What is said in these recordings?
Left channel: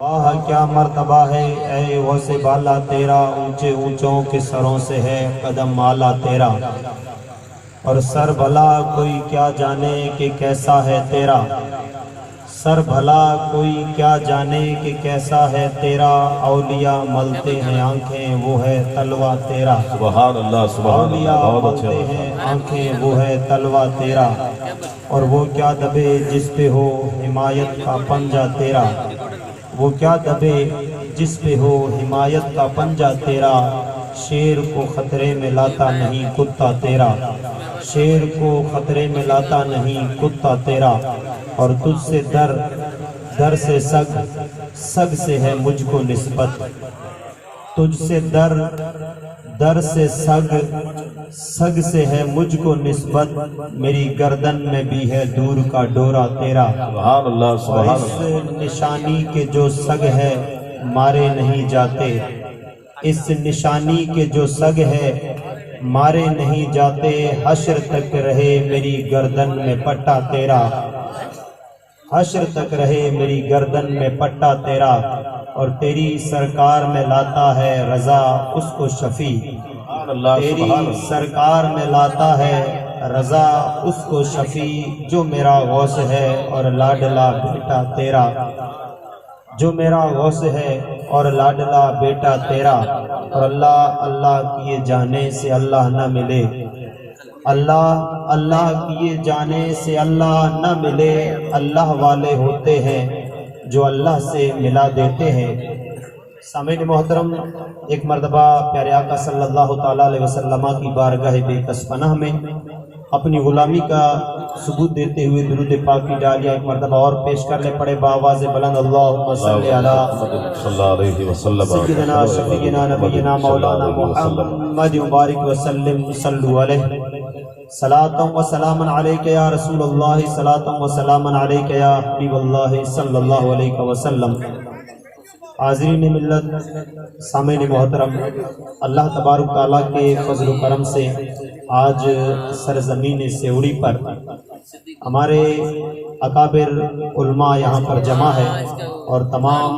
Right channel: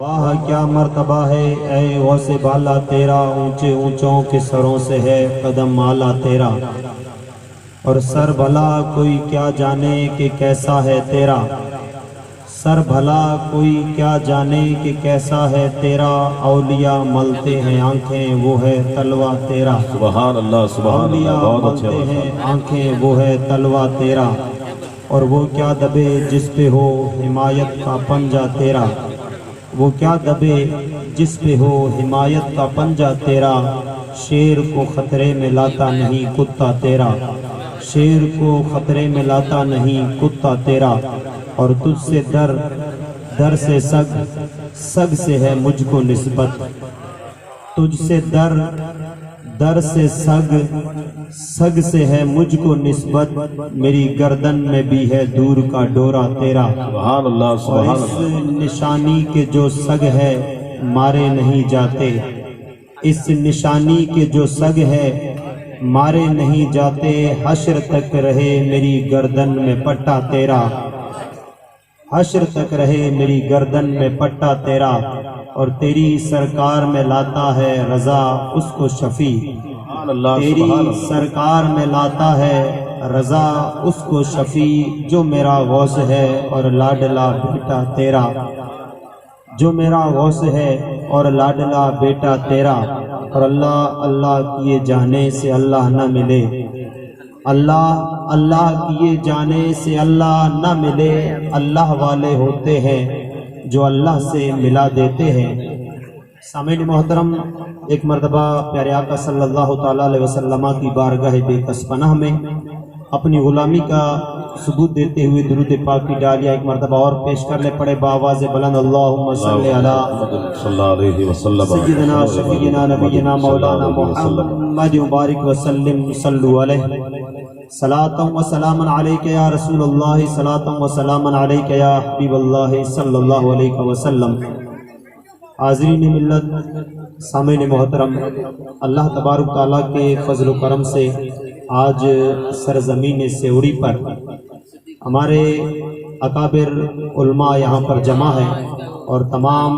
واہ کیا مرتبہ ہے اے غوث بالا تیرا، اونچے اونچوں کے سروں سے ہے قدم مالا تیرا، اور سر بھلا کوئی کیا جانے کہ کیسا ہے تیرا، سر بھلا کوئی کیا جانے کہ کیسا ہے تیرا، اولیاء ملتے ہیں آنکھیں وہ ہے تلوہ تیرا، سبحان اللہ سبحان اللہ، اولیاء بہت اچھے ملتے ہیں آنکھیں وہ ہے تلوہ تیرا، اور وہ کیا دبے جس پہ ہو حمایت کا پنجہ تیرا، وہ کیا دبے جس پہ ہو حمایت کا پنجہ تیرا، شیر کو خطرے میں لاتا نہیں کتا تیرا، شیر کو خطرے میں لاتا نہیں کتا تیرا، اور تجھ سے در سے سگ سے ہے مجھ کو نسبت، تجھ سے در سے سگ سے ہے مجھ کو نسبت، میری گردن میں بھی ہے دور کا ڈورا تیرا، سبحان اللہ اور سبحان اس اللہ۔ نشانی کے جو سگ ہے مارے نہیں جاتے، اس نشانی کے جو سگ ہے مارے نہیں جاتے، حشر تک رہے میری گردن میں پٹا تیرا، حشر تک رہے میری گردن میں پٹا تیرا، اور تیری سرکار میں لاتا ہے رضا اس کو شفیع، سبحان اللہ تیری سبحان اللہ۔ سرکار میں لاتا ہے رضا اس کو شفیع، جو میرا غوث ہے اور لاڈلا بیٹا تیرا، جو میرا غوث ہے اور لاڈلا بیٹا تیرا، اور اللہ اللہ کیے جانے سے اللہ نہ ملے، اللہ اللہ کیے جانے سے اللہ نہ ملے، اللہ والے ہوتے ہیں جو اللہ سے ملا دیتے ہیں۔ سامعین محترم، ایک مرتبہ پیارے آقا صلی اللہ تعالیٰ علیہ وسلم کی بارگاہ بے کس پناہ میں اپنی غلامی کا ثبوت دیتے ہوئے درود پاک کی ڈالیاں ایک مرتبہ اور پیش کر لے پڑے بآواز بلند، اللہم صلی علی صلی اللہ علیہ وسلم سیدنا شفیعنا نبینا مولانا محمد مبارک وسلم، صلو علیہ صلاۃ و سلام علیک یا رسول اللہ، صلاۃ و سلام علیک یا حبیب اللہ صلی اللہ علیہ وسلم۔ حاضرین ملت، سامعین محترم، اللہ تبارک تعالیٰ کے فضل و کرم سے آج سرزمین سیوڑی پر ہمارے اکابر علماء یہاں پر جمع ہے، اور تمام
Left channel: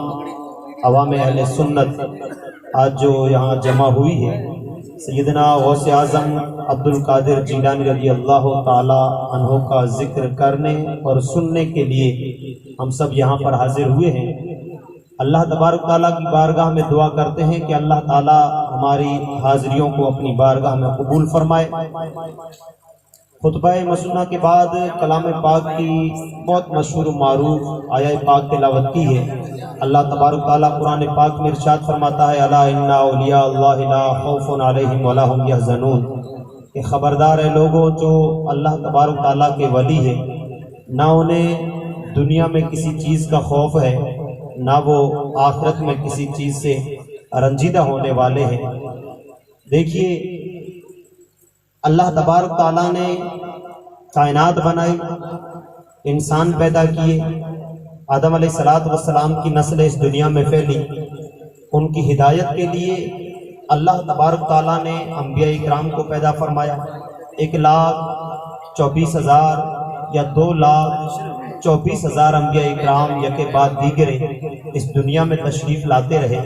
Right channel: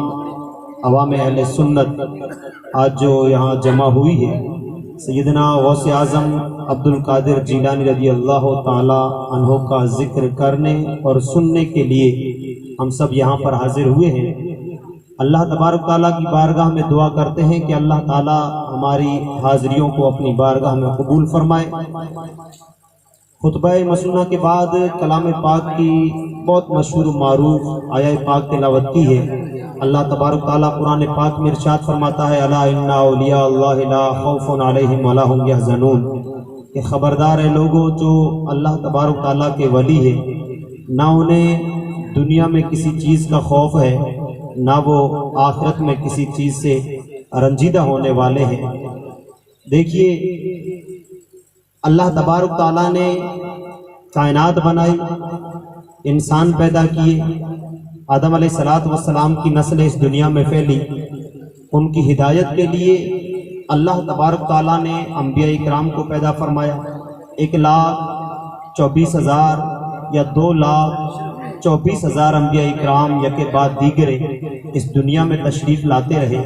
عوام اہل سنت آج جو یہاں جمع ہوئی ہے، سیدنا غوث اعظم عبد القادر جیلانی رضی اللہ تعالی عنہ کا ذکر کرنے اور سننے کے لیے ہم سب یہاں پر حاضر ہوئے ہیں۔ اللہ تبارک تعالیٰ کی بارگاہ میں دعا کرتے ہیں کہ اللہ تعالیٰ ہماری حاضریوں کو اپنی بارگاہ میں قبول فرمائے۔ خطبہ مسنونہ کے بعد کلام پاک کی بہت مشہور و معروف آیہ پاک تلاوت کی ہے۔ اللہ تبارک تعالیٰ قرآن پاک میں ارشاد فرماتا ہے، الا ان اولیاء اللہ لا خوف علیہم ولا هم یحزنون، کہ خبردار ہے لوگوں جو اللہ تبارک تعالیٰ کے ولی ہے، نہ انہیں دنیا میں کسی چیز کا خوف ہے، نہ وہ آخرت میں کسی چیز سے رنجیدہ ہونے والے ہیں۔ دیکھیے، اللہ تبارک تعالیٰ نے کائنات بنائی، انسان پیدا کیے، آدم علیہ السلام کی نسل اس دنیا میں پھیلی، ان کی ہدایت کے لیے اللہ تبارک تعالیٰ نے انبیاء اکرام کو پیدا فرمایا۔ 1,24,000 یا 2,24,000 انبیاء اکرام یکے بعد دیگرے اس دنیا میں تشریف لاتے رہے۔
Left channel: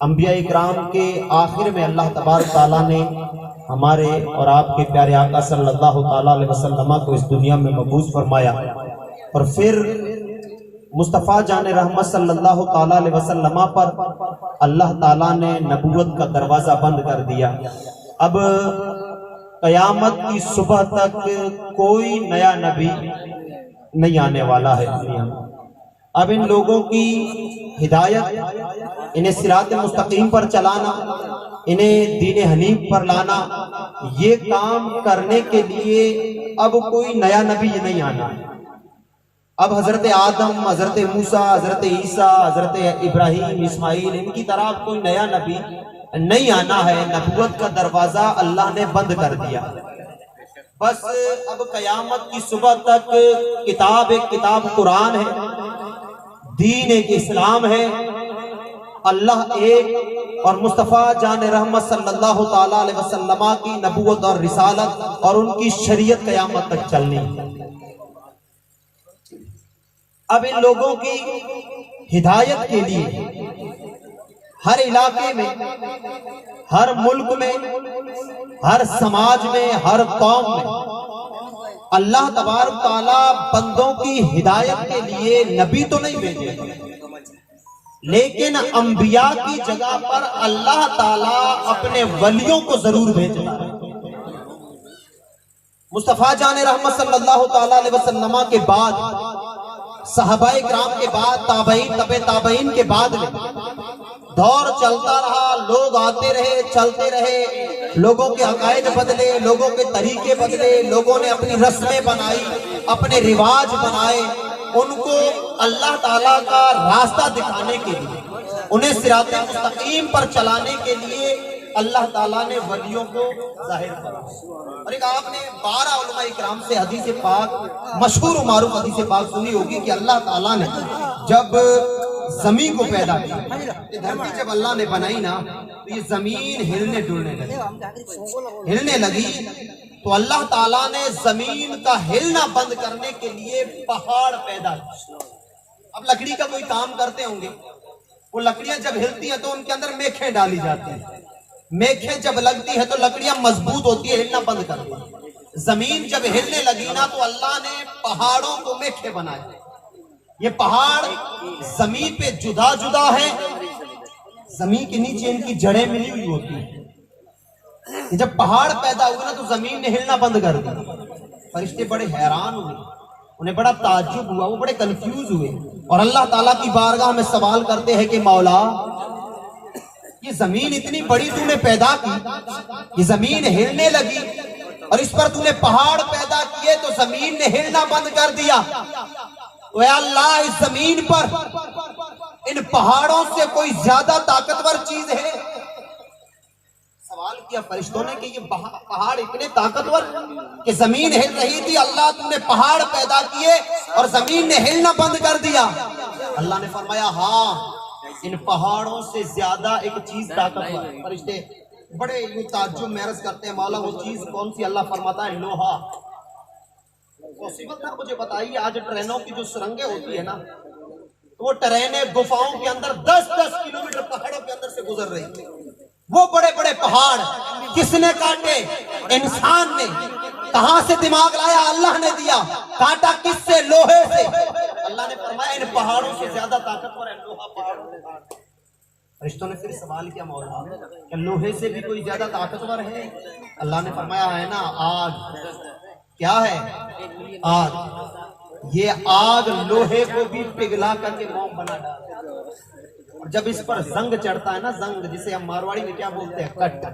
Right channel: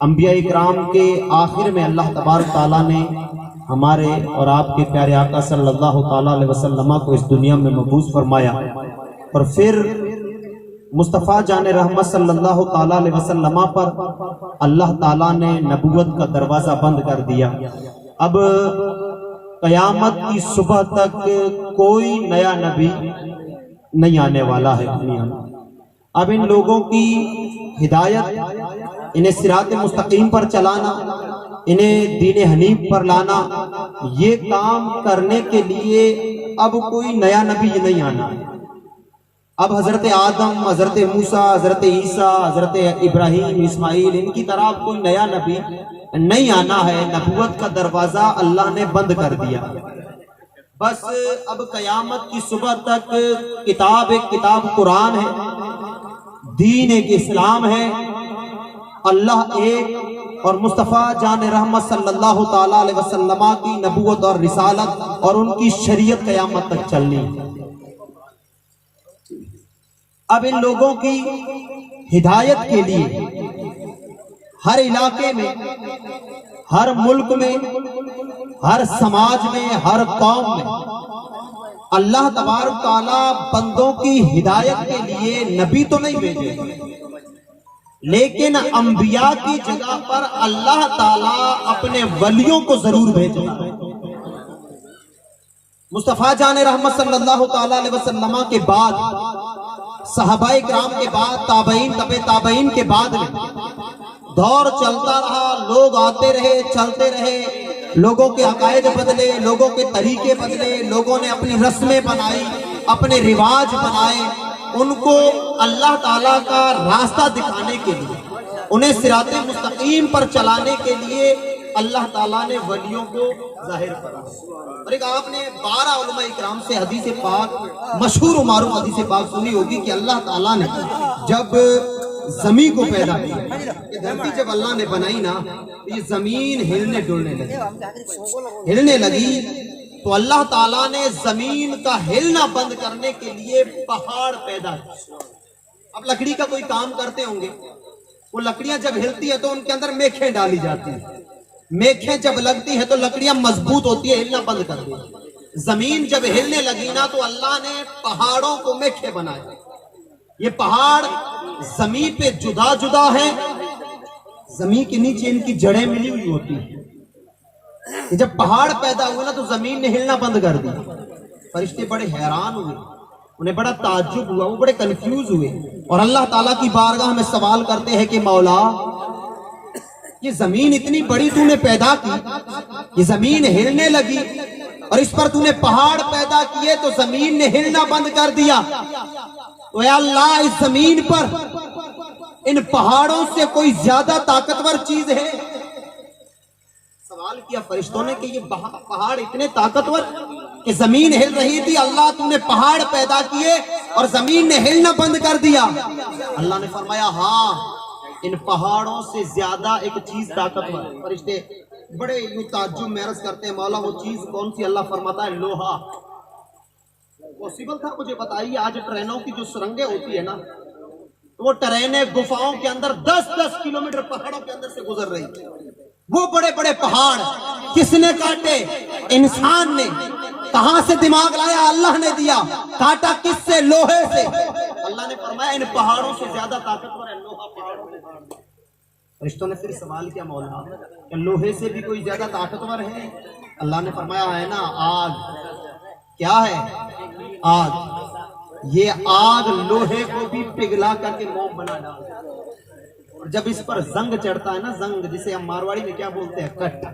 انبیاء اکرام کے آخر میں اللہ تبارک تعالیٰ نے ہمارے اور آپ کے پیارے آقا صلی اللہ تعالیٰ علیہ وسلم کو اس دنیا میں مبعوث فرمایا، اور پھر مصطفیٰ جان رحمت صلی اللہ تعالیٰ علیہ وسلم پر اللہ تعالیٰ نے نبوت کا دروازہ بند کر دیا۔ اب قیامت کی صبح تک کوئی نیا نبی نہیں آنے والا ہے دنیا میں۔ اب ان لوگوں کی ہدایت، انہیں صراط مستقیم پر چلانا، انہیں دین حنیف پر لانا، یہ کام کرنے کے لیے اب کوئی نیا نبی نہیں آنا۔ اب حضرت آدم، حضرت موسیٰ، حضرت عیسیٰ، حضرت ابراہیم، اسماعیل، ان کی طرح کوئی نیا نبی نہیں آنا ہے۔ نبوت کا دروازہ اللہ نے بند کر دیا۔ بس اب قیامت کی صبح تک کتاب قرآن ہے، دین ایک اسلام ہے، اللہ ایک، اور مصطفیٰ جان رحمت صلی اللہ تعالیٰ علیہ وسلم کی نبوت اور رسالت اور ان کی شریعت قیامت تک چلنی ہے۔ اب ان لوگوں کی ہدایت کے لیے ہر علاقے میں، ہر ملک میں، ہر سماج میں، ہر قوم میں اللہ تبارک تعالیٰ بندوں کی ہدایت کے لیے نبی تو نہیں بھیجے، لیکن انبیاء کی جگہ پر اللہ تعالیٰ اپنے ولیوں کو ضرور بھیجتا ہے۔ مصطفیٰ جان رحمت صلی اللہ تعالیٰ علیہ وسلم کے بعد، صحابہ کرام کے بعد، تابعین، تبع تابعین کے بعد دور چلتا رہا، لوگ آتے رہے، چلتے رہے، لوگوں کے عقائد بدلے، لوگوں کے طریقے بدلے، لوگوں نے اپنی رسمیں بنائی، اپنے رواج بنائے۔ ان کو اللہ تعالیٰ کا راستہ دکھانے کے لیے، انہیں صراط مستقیم پر چلانے کے لیے اللہ تعالیٰ نے ولیوں کو ظاہر کرا۔ اور ایک آپ نے 12 علماء اکرام سے حدیث پاک، مشہور و معروف حدیث پاک سنی ہوگی کہ اللہ تعالیٰ نے جب زمین کو پیدا کیا، یہ دھرتی جب اللہ نے بنائی نا، تو یہ زمین ہلنے ڈلنے لگی، تو اللہ تعالیٰ نے زمین کا ہلنا بند کرنے کے لیے پہاڑ پیدا کیا۔ اب لکڑی کا کوئی کام کرتے ہوں گے، وہ لکڑیاں جب ہلتی ہیں تو ان کے اندر میخیں ڈالی جاتی ہیں، میخیں جب لگتی ہے تو لکڑیاں مضبوط ہوتی ہے، ہلنا بند کر دی۔ زمین جب ہلنے لگی نا تو اللہ نے پہاڑوں کو میخیں بنائے۔ یہ پہاڑ زمین پہ جدا جدا ہے، زمین کے نیچے ان کی جڑیں ملی ہوئی ہوتی ہیں۔ جب پہاڑ پیدا ہوئے نا تو زمین نے ہلنا بند کر دی۔ فرشتے بڑے حیران ہوئے، انہیں بڑا تعجب ہوا، وہ بڑے کنفیوز ہوئے، اور اللہ تعالیٰ کی بارگاہ میں سوال کرتے ہیں کہ مولا، یہ زمین اتنی بڑی تو نے پیدا کی، یہ زمین ہلنے لگی، اور اس پر تو نے پہاڑ پیدا کیے تو زمین نے ہلنا بند کر دیا، تو اے اللہ اس زمین پر ان پہاڑوں سے کوئی زیادہ طاقتور چیز ہے؟ سوال کیا فرشتوں نے کہ یہ پہاڑ اتنے طاقتور کہ زمین ہل رہی تھی، اللہ تو نے پہاڑ پیدا کیے اور زمین نے ہلنا بند کر دیا۔ اللہ نے فرمایا ہاں، ان پہاڑوں سے زیادہ ایک چیز طاقتور ہے۔ فرشتے بڑے یوں تعجب میں عرض کرتے ہیں مولا وہ چیز کون سی؟ اللہ فرماتا ہے لوہا۔ پوسیبل تھا مجھے بتائیے، آج ٹرینوں کی جو سرنگیں ہوتی ہے نا، وہ ٹرینیں گفاؤں کے اندر 10-10 کلومیٹر پہاڑوں کے اندر سے گزر رہی ہیں۔ وہ بڑے بڑے پہاڑ کس نے کاٹے؟ انسان نے۔ کہاں سے دماغ لایا؟ اللہ نے دیا۔ کاٹا کس سے؟ لوہے سے۔ اللہ نے فرمایا ان پہاڑوں سے زیادہ طاقتور ہے لوہا پہاڑوں سے۔ فرشتوں نے پھر سوال کیا مولا کہ لوہے سے بھی کوئی زیادہ طاقتور ہے؟ اللہ نے فرمایا ہے نا آگ۔ کیا ہے؟ آگ۔ یہ آگ لوہے کو بھی پگھلا کر کے موم بنا ڈالتا ہے، اور جب اس پر زنگ چڑھتا ہے نا، زنگ جسے ہم مارواڑی میں کیا بولتے ہیں؟ کٹ۔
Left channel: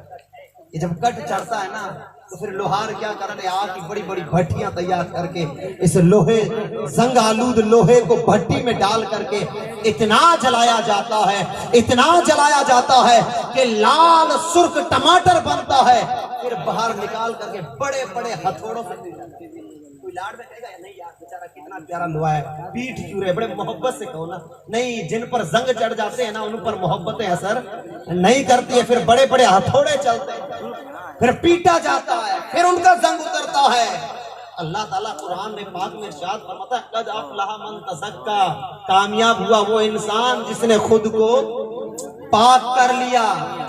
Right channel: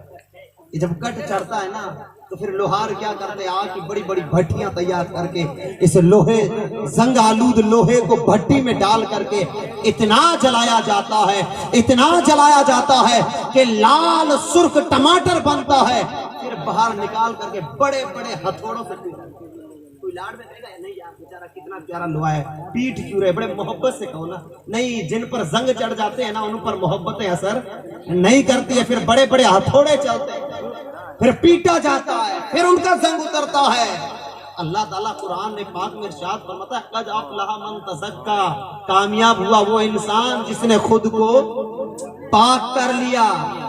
یہ جب کٹ چڑھتا ہے نا تو پھر لوہار کیا کرتے ہیں؟ آگ کی بڑی بڑی بھٹیاں تیار کر کے اس لوہے، زنگ آلود لوہے کو بھٹی میں ڈال کر کے اتنا جلایا جاتا ہے، اتنا جلایا جاتا ہے کہ لال سرخ ٹماٹر بنتا ہے، پھر باہر نکال کر کے بڑے بڑے ہتھوڑوں سے کوئی لاڈ میں کہے گا نہیں یار بیچارہ کتنا پیارا لوہا ہے، پیٹ کیوں رہے؟ بڑے محبت سے کہو نا۔ نہیں، جن پر زنگ چڑھ جاتے ہیں نا ان پر محبتیں اثر نہیں کرتی ہے، پھر بڑے بڑے ہتھوڑے چلتے ہیں، پھر پیٹا جاتا ہے، پھر ان کا زنگ اترتا ہے۔ اللہ تعالیٰ قرآن میں پاک میں ارشاد فرماتا ہے قد افلح من تزکا، کامیاب ہوا وہ انسان جس نے خود کو پاک کر لیا۔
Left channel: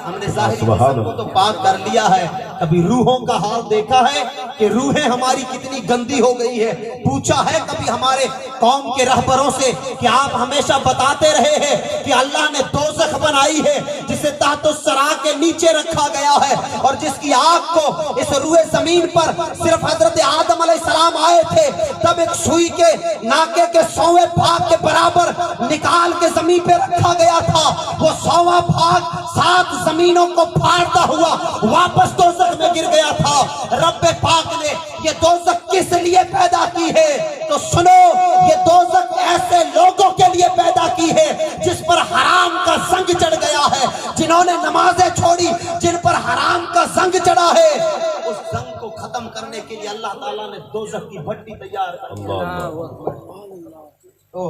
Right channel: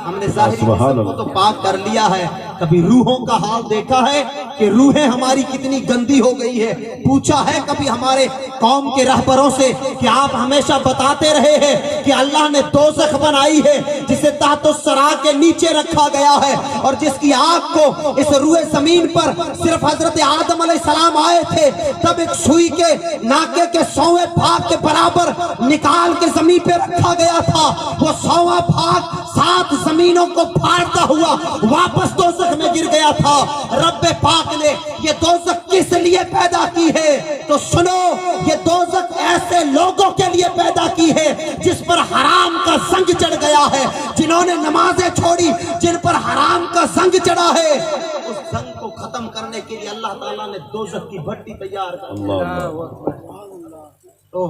ہم نے ظاہری جسم کو تو پاک کر لیا ہے، کبھی روحوں کا حال دیکھا ہے کہ روحیں ہماری کتنی گندی ہو گئی ہے؟ پوچھا ہے کبھی ہمارے قوم کے رہبروں سے کہ آپ ہمیشہ بتاتے رہے ہیں کہ اللہ نے دوزخ بنائی ہے جسے تحت الثری کے نیچے رکھا گیا ہے، اور جس کی آگ کو اس روئے زمین پر صرف حضرت آدم علیہ السلام آئے تھے تب ایک سوئی کے ناکے کے 100ویں بھاگ کے برابر نکال کے زمین پہ رکھا گیا تھا۔ وہ 100واں بھاگ 7 زمینوں کو پھاڑتا ہوا واپس دوزخ میں گر گیا تھا۔ رب پاک نے یہ دوزخ کس لیے پیدا کی ہے؟ تو سنو، یہ دوزخ ایسے لوگوں کے لیے پیدا کی ہے جس پر حرام کا زنگ چڑھ گیا ہے، جنہوں نے نمازیں چھوڑی، جن پر حرام کا زنگ چڑھا ہے۔ اس زنگ کو ختم کرنے کے لیے اللہ تعالیٰ نے دوزخ کی بھٹی تیار کر دی۔ تو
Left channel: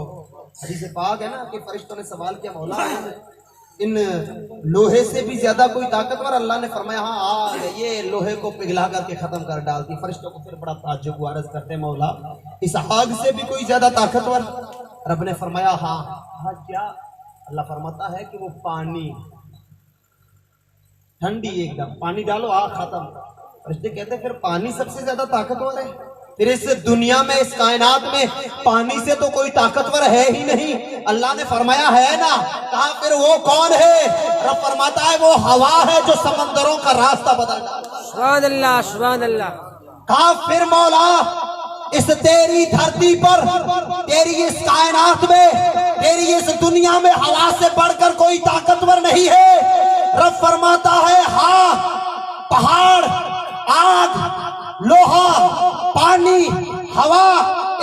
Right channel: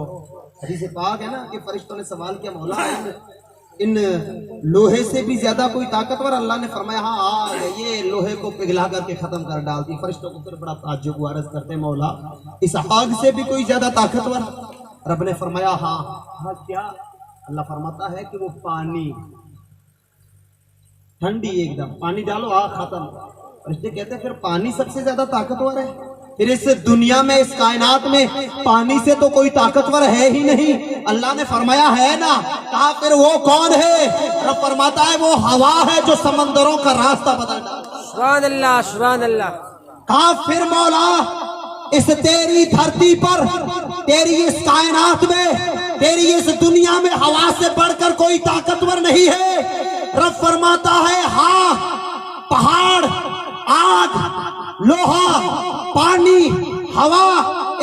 حدیث پاک ہے نا کہ فرشتوں نے سوال کیا مولا ان لوہے سے بھی زیادہ کوئی طاقتور؟ اللہ نے فرمایا ہاں آگ ہے، یہ لوہے کو پگھلا کر کے ختم کر ڈالتی۔ فرشتوں کو پھر بڑا تعجب ہوا، عرض کرتے مولا اس آگ سے بھی کوئی زیادہ طاقتور؟ رب نے فرمایا ہاں، کہا کیا؟ اللہ فرماتا ہے کہ وہ پانی ٹھنڈی ایک دم، پانی ڈالو آگ ختم۔ فرشتے کہتے ہیں پھر پانی سب سے زیادہ طاقتور ہے؟ پھر اس دنیا میں اس کائنات میں پانی سے تو کوئی طاقتور ہے ہی نہیں۔ اللہ نے فرمایا ہے نا، کہا پھر وہ کون ہے؟ رب فرماتا ہے وہ ہوا ہے جو سمندروں کا راستہ بدلتا ہے۔ سبحان اللہ سبحان اللہ۔ کہا پھر مولا اس تیری دھرتی پر، تیری اس کائنات میں، تیری اس دنیا میں ہوا سے بڑھ کر کوئی طاقتور نہیں ہے؟ رب فرماتا ہے ہاں، پہاڑ، آگ، لوہا، پانی، ہوا،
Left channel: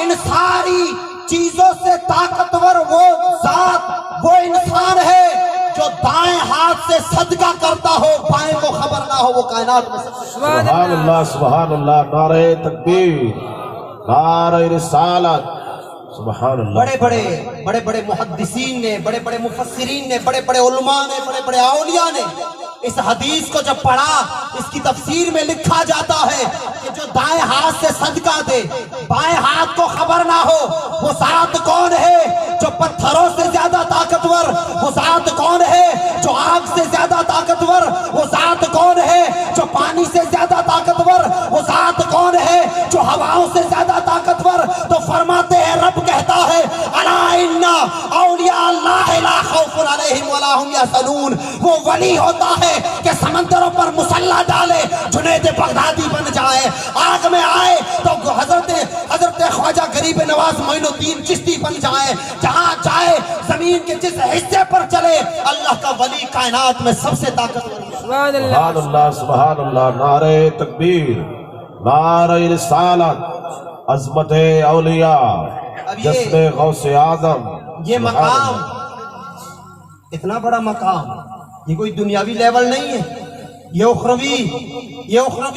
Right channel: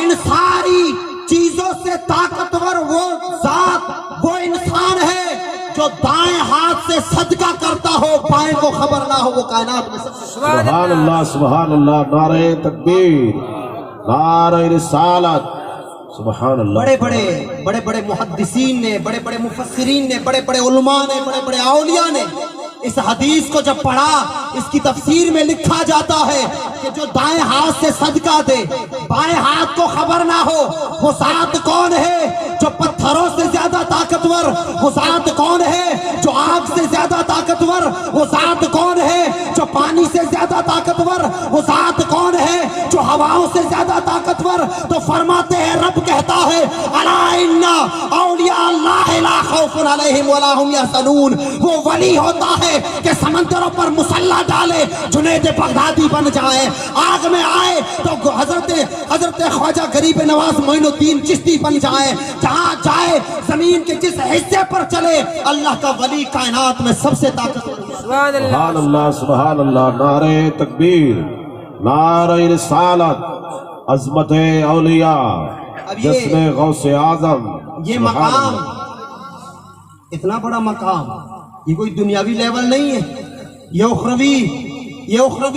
ان ساری چیزوں سے طاقتور وہ ذات، وہ انسان ہے جو دائیں ہاتھ سے صدقہ کرتا ہو، بائیں کو خبر نہ ہو، وہ کائنات میں سب سے سبحان سبحان اللہ سبحان اللہ، نعرہ تکبیر، نعرہ رسالت، سبحان اللہ۔ بڑے بڑے محدثین نے، بڑے بڑے مفسرین نے، بڑے بڑے علماء نے، بڑے بڑے اولیاء نے اس حدیث کو جب پڑھا، اس کی تفسیر میں لکھا جاتا ہے کہ جو دائیں ہاتھ سے صدقہ دے، بائیں ہاتھ کو خبر نہ ہو، وہ ذات کون ہے جو پتھروں سے زیادہ طاقتور؟ وہ ذات کون ہے جو آگ سے زیادہ طاقتور؟ وہ ذات کون ہے جو پانی سے زیادہ طاقتور؟ وہ ذات کون ہے جو ہواؤں سے زیادہ طاقتور؟ تو فرماتے ہیں، رب کہتا ہے الا ان اولیاء اللہ لا خوف علیہم ولا هم یحزنون۔ وہ ولی ہوتا ہے کہ سمندروں پر مسلح ڈالے، جنید بغدادی بن جائے، آگ میں آئے تو حضرت خواجہ غریب نواز معین الدین چشتی بن جائے، جہاں جائے زمین کے جس حصے پر چلے، اللہ کا ولی کائنات میں سب سے طاقتور۔ سبحان اللہ سبحان اللہ سبحان اللہ، نعرہ تکبیر، نعرہ رسالت، عظمت اولیاء، جشن غوث اعظم۔ یہ مقام، اتنا بڑا مقام، یہ کوئی دنیاوی لیول نہیں ہے، یہ اخروی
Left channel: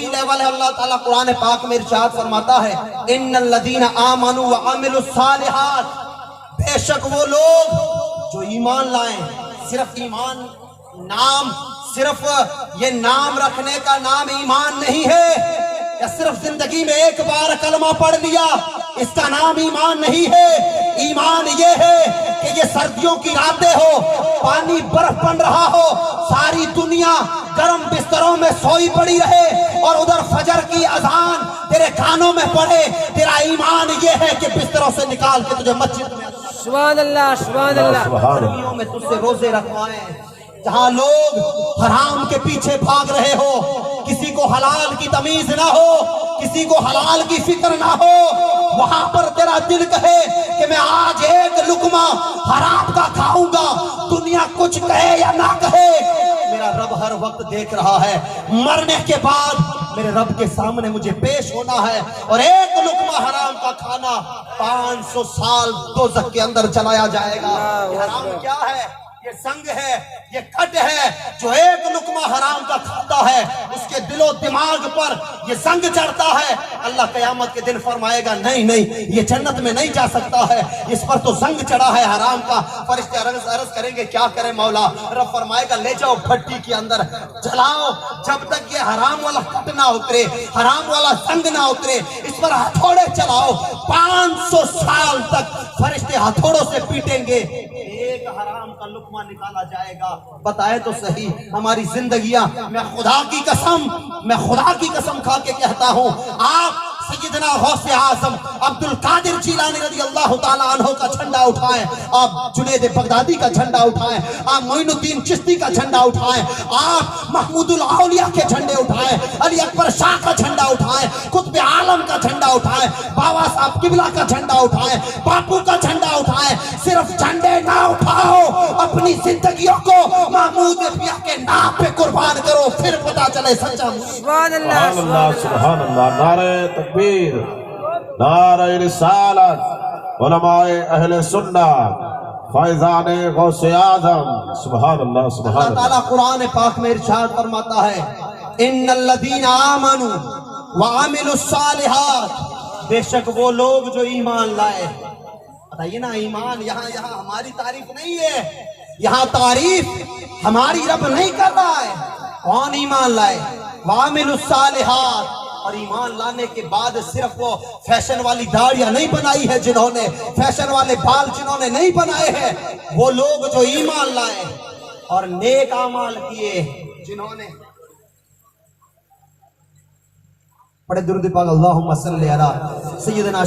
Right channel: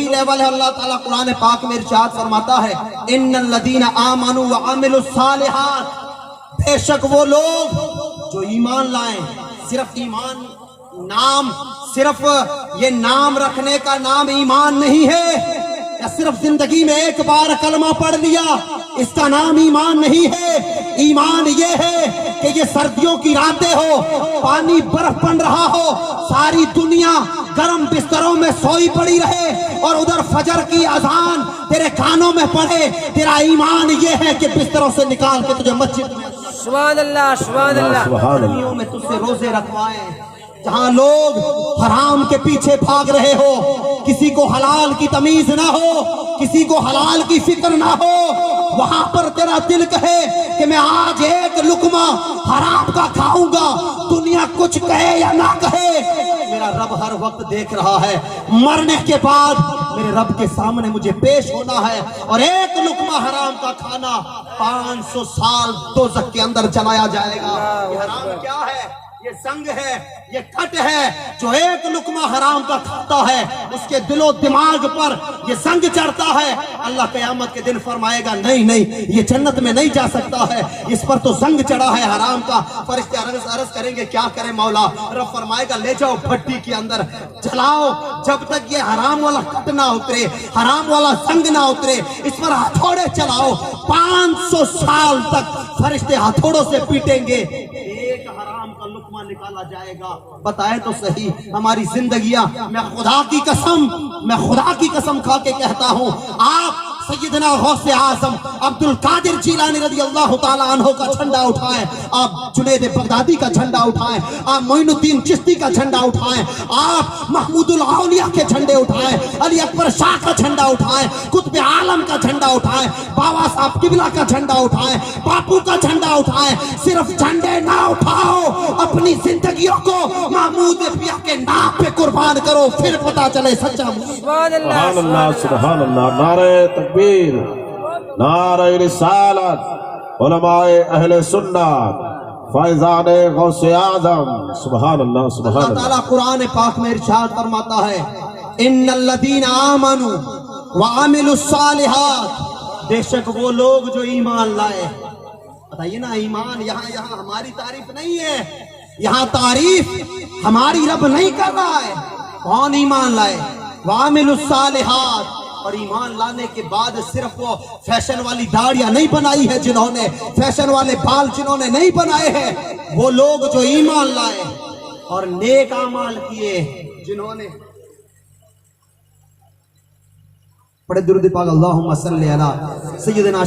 لیول ہے۔ اللہ تعالیٰ قرآن پاک میں ارشاد فرماتا ہے ان الذین آمنوا وعملوا الصالحات، بے شک وہ لوگ جو ایمان لائیں، صرف ایمان نام، صرف یہ نام رکھنے کا نام ایمان نہیں ہے، یا صرف زندگی میں ایک بار کلمہ پڑھ لیا اس کا نام ایمان نہیں ہے۔ ایمان یہ ہے کہ یہ سردیوں کی راتیں ہو، پانی برف بن رہا ہو، ساری دنیا گرم بستروں میں سوئی پڑی رہے، اور ادھر فجر کی اذان تیرے کانوں میں پڑے، تیرا ایمان یہ ہے کہ بستروں سے نکال کے تجھے مسجد میں، سبحان اللہ سبحان اللہ۔ سبحان اللہ۔ گرمیوں میں تجھ سے روزے رکھوائیں، جہاں لوگ حرام کے پیچھے بھاگ رہے ہو، کسی کو حلال کی تمیز نہ ہو، کسی کو حلال کی فکر نہ ہو، وہاں پر تیرا دل کہے کہ میں آج ایک لقمہ حرام کا کھاؤں گا، دنیا کچھ کہے یا نہ کہے، میرا رب ہر وقت دیکھ رہا ہے، مرنے کے بعد میرے رب کے سامنے مجھے پیش ہونا ہے، اور ایک لقمہ حرام کا کھانا 500 سال دوزخ کے اندر چلایا جائے گا۔ یہ حرام کیا ہے؟ یہ زنگ ہے، یہ کٹ ہے، جو ایک لقمہ حرام کا کھاتا ہے اس کے دل و دماغ پر یہ زنگ چڑھتا ہے، اللہ قیامت کے دن فرمائے گا نہیں یہ جنت میں نہیں جا سکتا ہے، اس پر تو زنگ چڑھا ہے حرام کا۔ فرشتے عرض کریں گے کیا کریں مولا؟ رب فرمائے گا لے جاؤ بھٹی کے اندر جلاؤ، جب تک یہ حرام والا کٹ نہ اترے، حرام والا زنگ نہ اترے، اس پر ہتھوڑے چلاؤ، 500 سال تک فرشتے ہتھوڑوں سے پیٹیں گے، ایک حرام کا لقمہ نکالا جائے گا۔ بتائے تو صحیح ہماری زندگیاں، میں خدا کی قسم کھا کے کہتا ہوں، آپ سیدنا غوث اعظم عبد القادر جیلانی رضی اللہ تعالیٰ عنہ کا جھنڈا اٹھائیں، آپ جنید بغدادی کا جھنڈا اٹھائیں، آپ معین الدین چشتی کا جھنڈا اٹھائیں، آپ محمود الاولیاء کے جھنڈے اٹھائیں، علی اکبر شاہ کا جھنڈا اٹھائیں، قطب عالم کا جھنڈا اٹھائیں، بابا صاحب قبلہ کا جھنڈا اٹھائیں، باپو کا جھنڈا اٹھائیں، صرف جھنڈے نہ اٹھاؤ، اپنی زندگیوں کو محمود پیا کے نام پہ قربان کرو، پھر پتا چلے سچا مسلم۔ سبحان اللہ سبحان اللہ سبحان اللہ، نعرہ تکبیر، نعرہ رسالت، علماء اہل سنت، فائزان غوث اعظم، سبحان اللہ سبحان اللہ اللہ۔ تعالیٰ قرآن پاک میں ارشاد فرماتا ہے ان الذین آمنوا وعملوا الصالحات، بے شک وہ لوگ جو ایمان لائے۔ بتائیے نا، ایمان یہاں ہماری تعریف نہیں ہے، یہاں تعریف ہماری رب نہیں کر رہا ہے، کون ایمان لائے؟ وعملوا الصالحات، اور ایمان لانے کے بعد صرف وہ فیشن والی داڑیاں نہیں بنائی ہے جنہوں نے، فیشن والے بال جنہوں نے نہیں بنائے ہیں، وہ لوگ جو ایمان لائے اور نیک اعمال کیے، جنہوں نے پڑھے درود پاک اللہم صلی علی سیدنا